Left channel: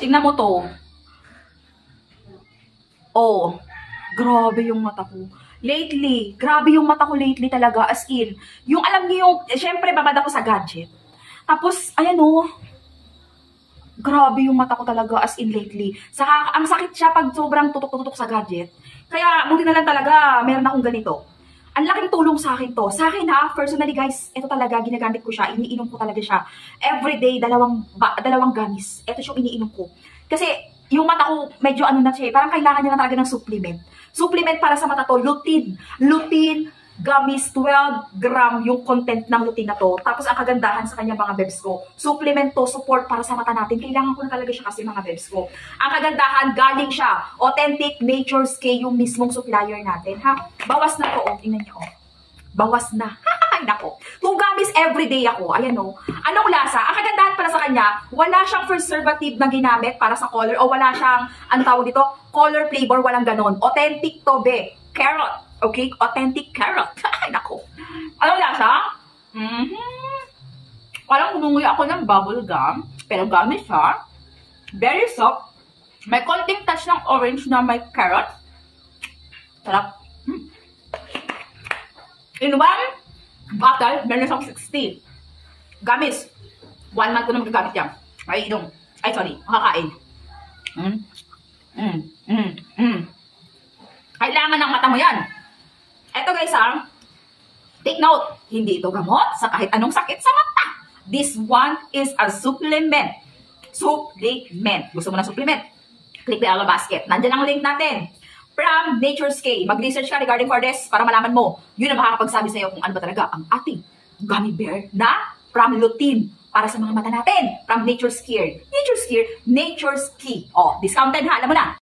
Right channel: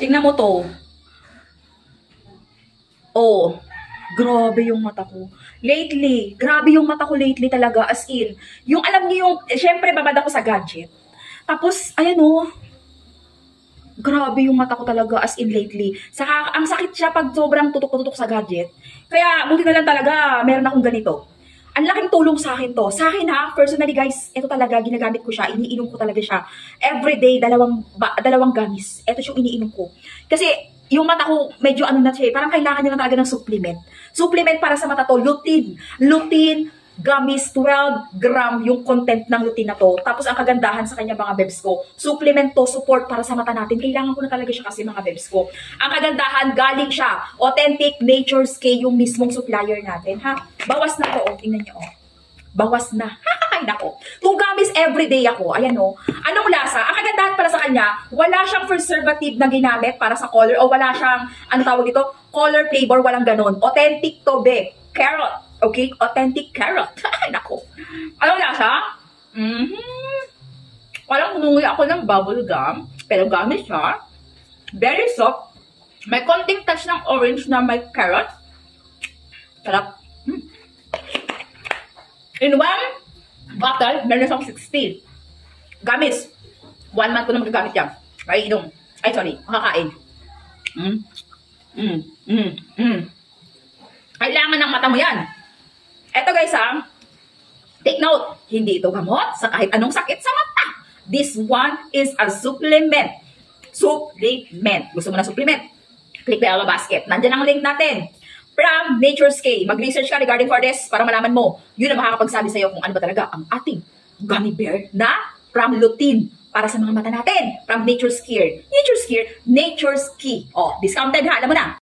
Tingnan mo to. Oh, grabe yung mata ko. Lately, grabe yung mata ko lately talaga, as in. Yung alam niyo yung, syempre babad ako sa gadget. Tapos, ayan oh, grabe yung mata ko talaga, as in lately. Saka, ang sakit siya pag sobrang tutok-tutok sa gadget. Kaya, buti na lang talaga, meron akong ganito. Ang laking tulong sa akin to. Sa akin ha, personally guys, ito talaga, ginagamit ko siya, iniinom ko talaga siya. Everyday, dalawang gamis. Ito yung iniinom ko. Kasi, yung mata ko, medyo ano na siya, parang kailangan niya na talaga ng supplement. Supplement para sa mata to, lutein. Lutein, gamis, 12 gram yung content ng lutein na to. Tapos ang kagandahan sa kanya mga bebs ko, supplement to, support para sa mata natin. Kailangan ko na talaga siya kasi mga bebs ko. Ang kagandahan, galing siya. Authentic Nature's K yung mismong supplier natin, ha? Bawas na to, oh. Tingnan niyo, oh. Bawas na. Ay, nako. 2 gamis everyday ako. Ayan, oh. Anong lasa? Ang kagandahan pala sa kanya, wala siyang preservative na ginamit para sa color o wala siyang, ano tawag dito? Color flavor, walang ganon. Authentic to, be. Carrot. Okay? Authentic carrot. Ay, nako. Anong lasa? Parang nunguy ako ng bubble gum. Pero gamis siya. Very soft. May konting touch ng orange na may carrot. Sarap. In one bottle, meron siyang 16. Gamis. 1 month ko na magagamit yan. Ay, inom. Ay, sorry. Makakain. Kailangan ng mata mo yan. Eto guys ha. Take note. Hindi ito gamot sa kahit anong sakit sa mata. This one is a supplement. Supplement. Gusto mo na supplement? Click the yellow basket. Nandiyan ang link natin. From Nature's K. Mag-research ka regarding for this para malaman mo. Yun ang makakapagsabi sa'yo kung ano ba talaga ang ating gummy bear na from lutein para sa mga mata natin. From Nature's Care. Nature's Care, Nature's Key. Oh, discounted ha. Alam mo na.